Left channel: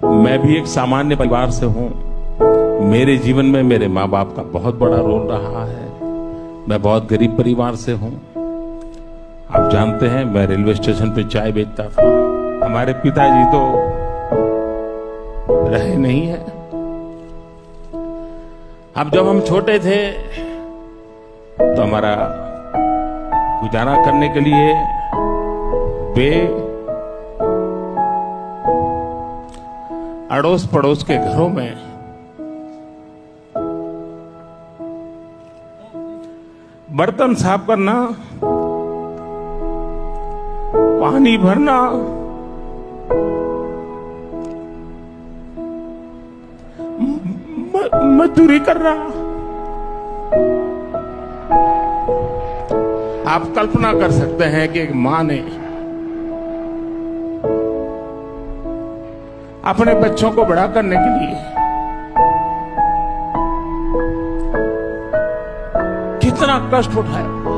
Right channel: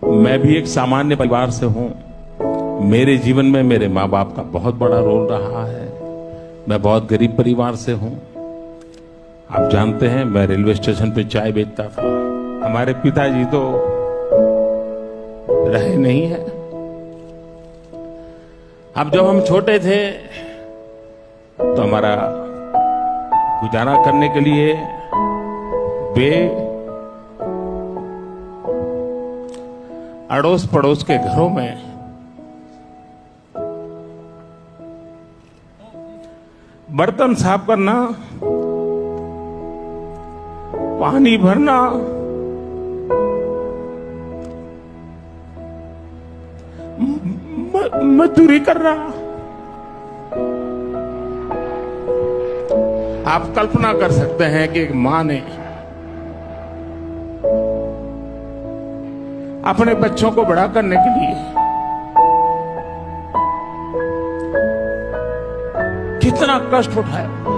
मैं भी एक सामान्य परिवार से हूं। मेरे जीवन में मेरे माँ बाप का बहुत बड़ा रोल रहा है। मैं बहुत गरीब परिवार से हूं। आप जानते हैं, मैं रेलवे स्टेशन पे चाय बेचता था। हमारे पिताजी तो रहे नहीं है। अब जब हम छोटे थे तो हमारा गुजारा करने के लिए वे अड़ोस पड़ोस के घरों में बर्तन साफ करना, पानी भरना, मजदूरी करना। आप कल्पना कर सकते हैं कि एक मां ने अपने बच्चों को बड़ा करने के लिए कितना कष्ट उठाया।